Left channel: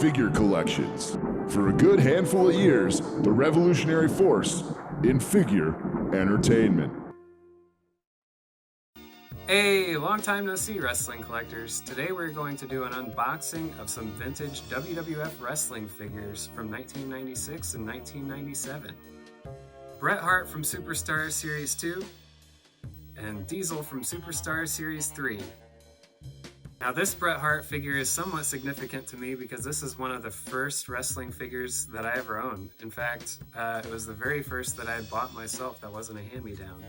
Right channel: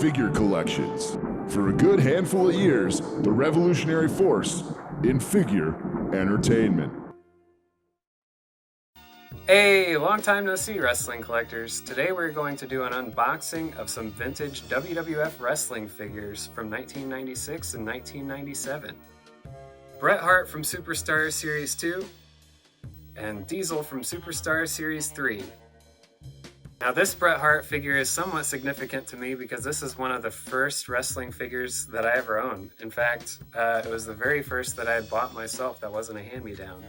Figure collections. For a good handful of years, the revolutionary force in figure entertainment. Hey, long time no see, wrestling collectors. Today we're going to do an unboxing of some vintage WWF wrestling figures from 1996 and 1997. Bret Hart from Superstar Series 2 and Diesel from Superstar Series 3. Now this Bret Hart figure is somewhat significant to me because this is one of the first wrestling figures that I ever owned. In fact, it was the very first that I had bought myself that wasn't a hand-me-down.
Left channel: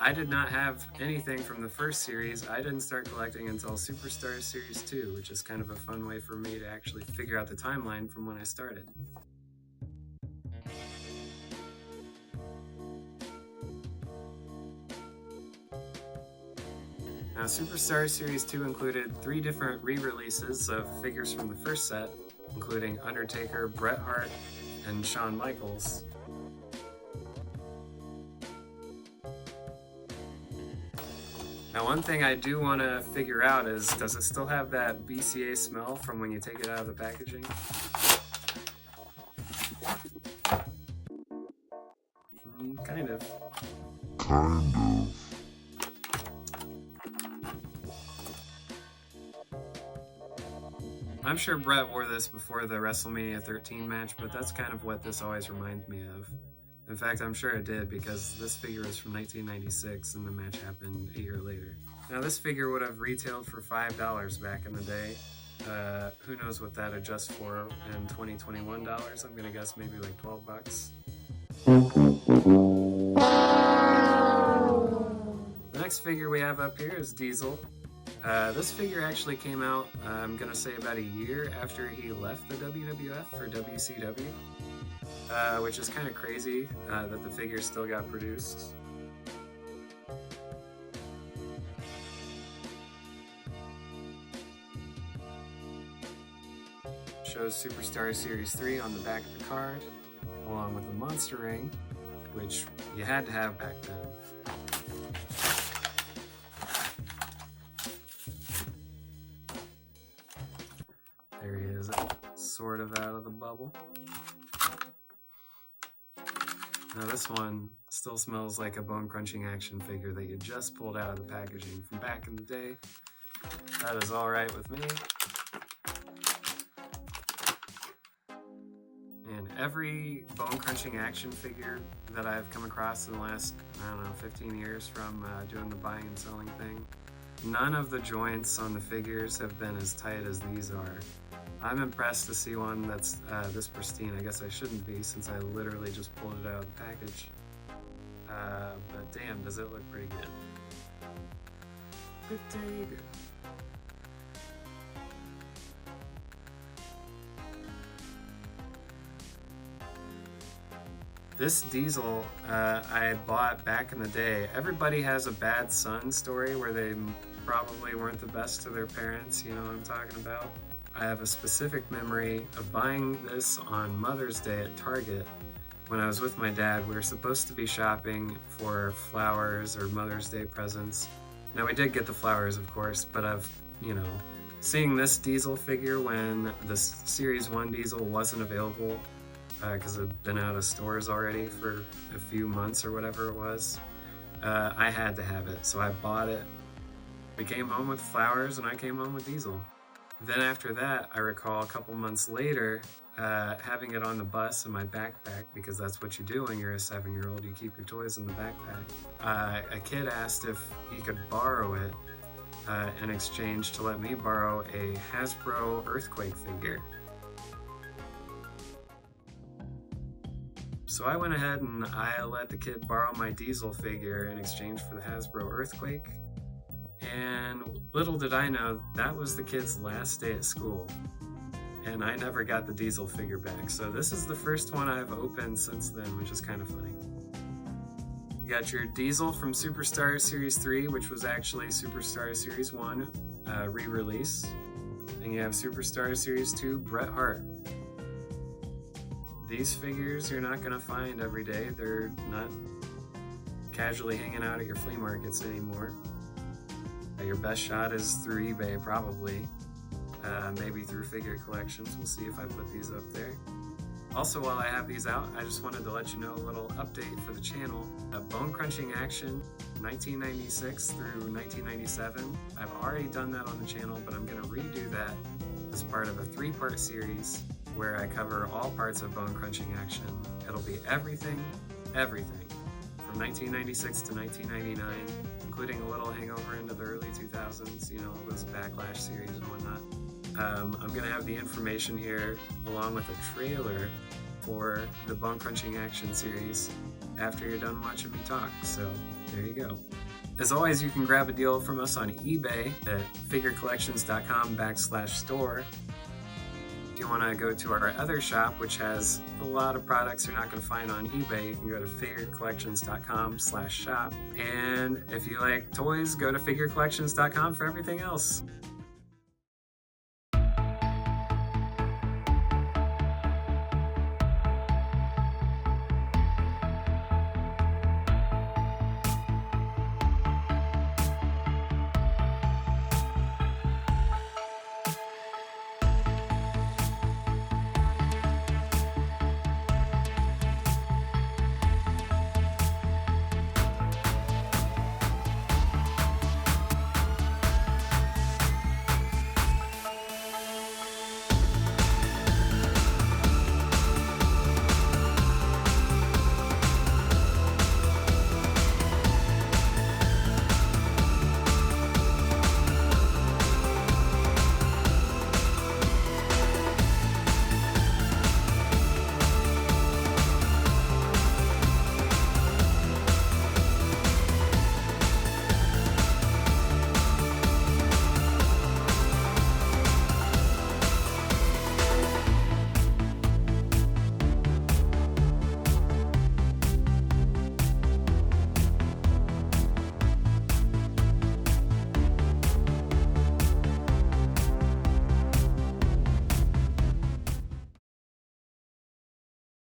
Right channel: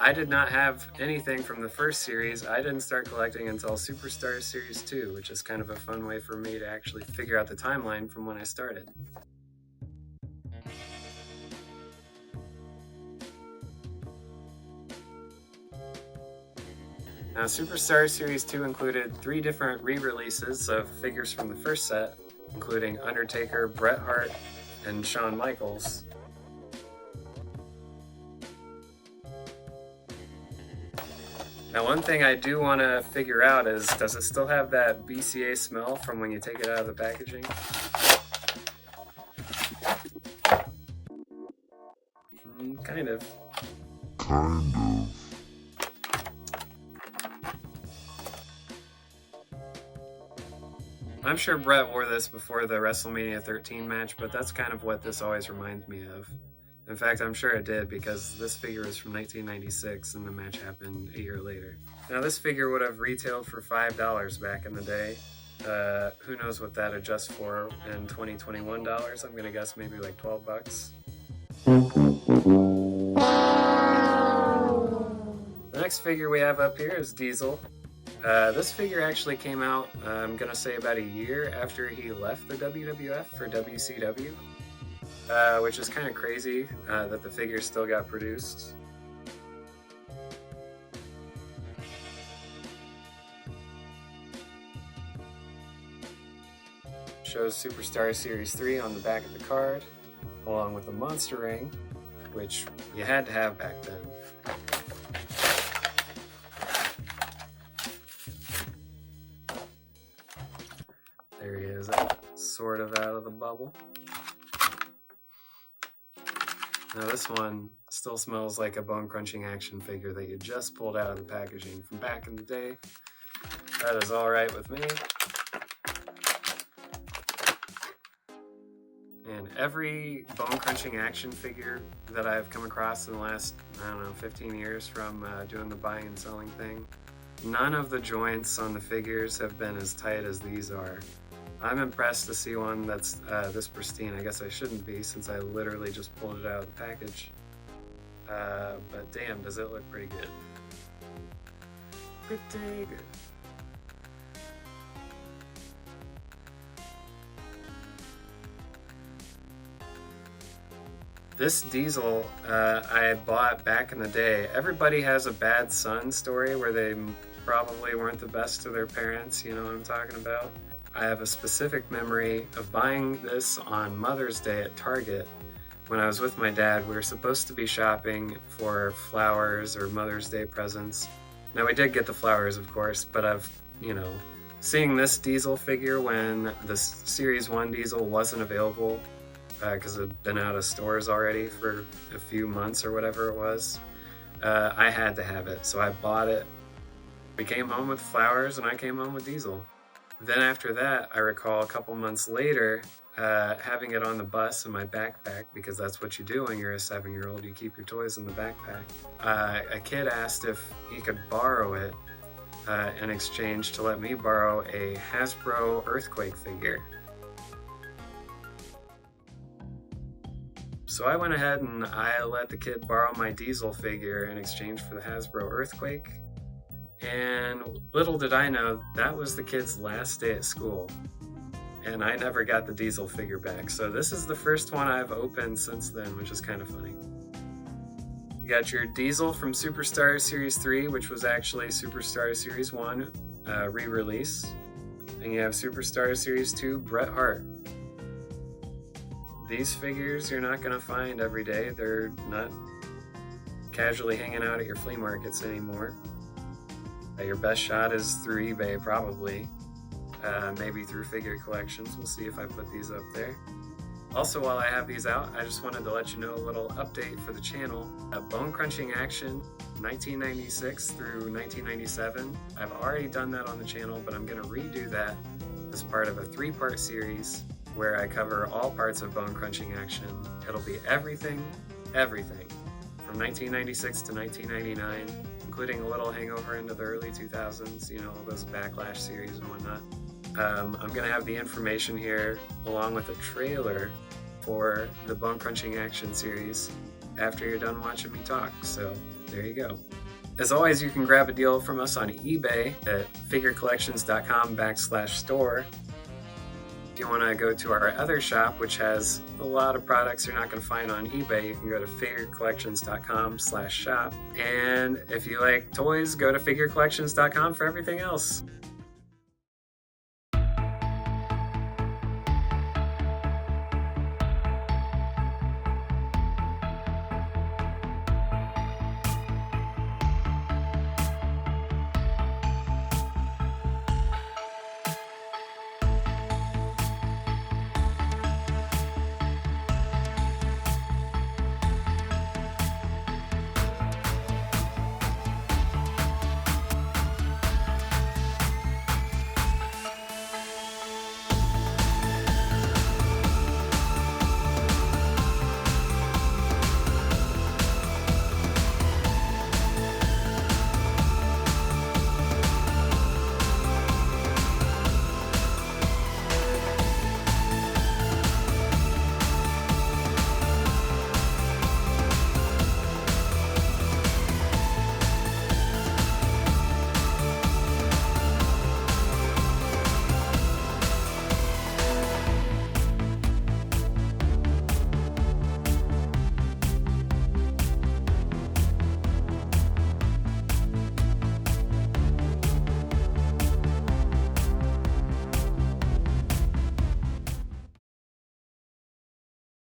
I did not have anything from the first series. I didn't start collecting until Superstar Series 2, which is kind of a fun way for me to actually figure out the timeline from when I started. Now, Superstar Series 2 included 3 different re-releases of figures from the first set, including Undertaker, Bret Hart, and Shawn Michaels. Now, one thing I do want to figure out is, does it still have that BCA smell from when you take it out of the packaging? Kind of. I'm sure Bret wore this before the WrestleMania 13 match, but that's kind of what this always reminds me of. In fact, I'm sure it did because this figure is from 1996 and the match happened a year later. Now this figure would have retailed for $5 back in the day. Who knows what that adjusts for in 2021 dollars? I'm gonna guess maybe like 12 bucks. The next figure we have up here is Diesel. This figure actually came out, I'm gonna say about a year after he left the WWF for WCW, which is kind of crazy that the figure still got produced. Shows Superstar Series 3 on the back of the card, along with the monster ring, which you had to have back then. There he is, sort of out of the bubble. Now this one still smells like a bone-crunching action figure that you just pulled out of the packaging from back in the day. That is all right with me. And every bone-crunching action figure that I've come across in the last, 15 years from doing the buying and selling thing, none of the joints on the figures have been as tight as these are. I'm impressed to see one that's this pristine. I guess I shouldn't be since I literally just pulled it out of the package. But damn, does it look pretty good. Pretty good. This Diesel I bought back in the day. Everybody has a bad son story where they probably weren't the best to their parents, you know what I'm talking about? I have a specific memory of buying this on Mother's Day at Target. When I was with my dad, we were supposed to be shopping for flowers or Mother's Day presents. Now we did get the flowers, of course, but seeing this Diesel figure when the Series 1 Diesel wasn't available because it had been out of stores already for a few months or whatever it was, I had to have it, so I bought it. We came home with flowers and I came home with Diesel. Then after that, I recall a couple months later having it on the bus in my backpack, because that's what you do when you're a 7-year-old, you keep your toys in the backpack. A kid asked if he could borrow it in exchange to let me borrow a Hasbro earthquake figure. So I went ahead and I let the kid borrow my Diesel figure in exchange for the Hasbro earthquake. And little did I know, that was the kid's last day at school. And I never got the Diesel figure back. So this is the first one I've opened since then, which is kind of funny. You got your Diesel from Superstar Series 3, which was actually Superstar Series 1 re-release. And you have Superstar Series 2 Bret Hart. These figures you're not going to find every day. They're not casually hanging out at your flea markets anymore. Your best shot is through eBay, probably. maybe through Figure Collections. We'll see if I put these up there. Also, while I have these out, I just wanted to let you know a little update for the channel. Bone Crunching Action 1996 through 1997. I've already done that on the channel, but I'm going to redo that as part of a 3-part series where I cover all parts of Bone Crunching Action. It'll be everything from 1996 to 1999, including a little hangover into the early 2000s, you know, those Backlash series and whatnot. I'm going to have the information here along with a trailer for the Bone Crunching Action series after you're done watching me talk, so there you go. As always, you can grab a deal from us on eBay at figurecollections.com/store. If you want to go to our other shop, which has a lot of products you're not going to find on eBay, you can go to figurecollections.com/shop. And if you like toys, go to figurecollections.com for everything else.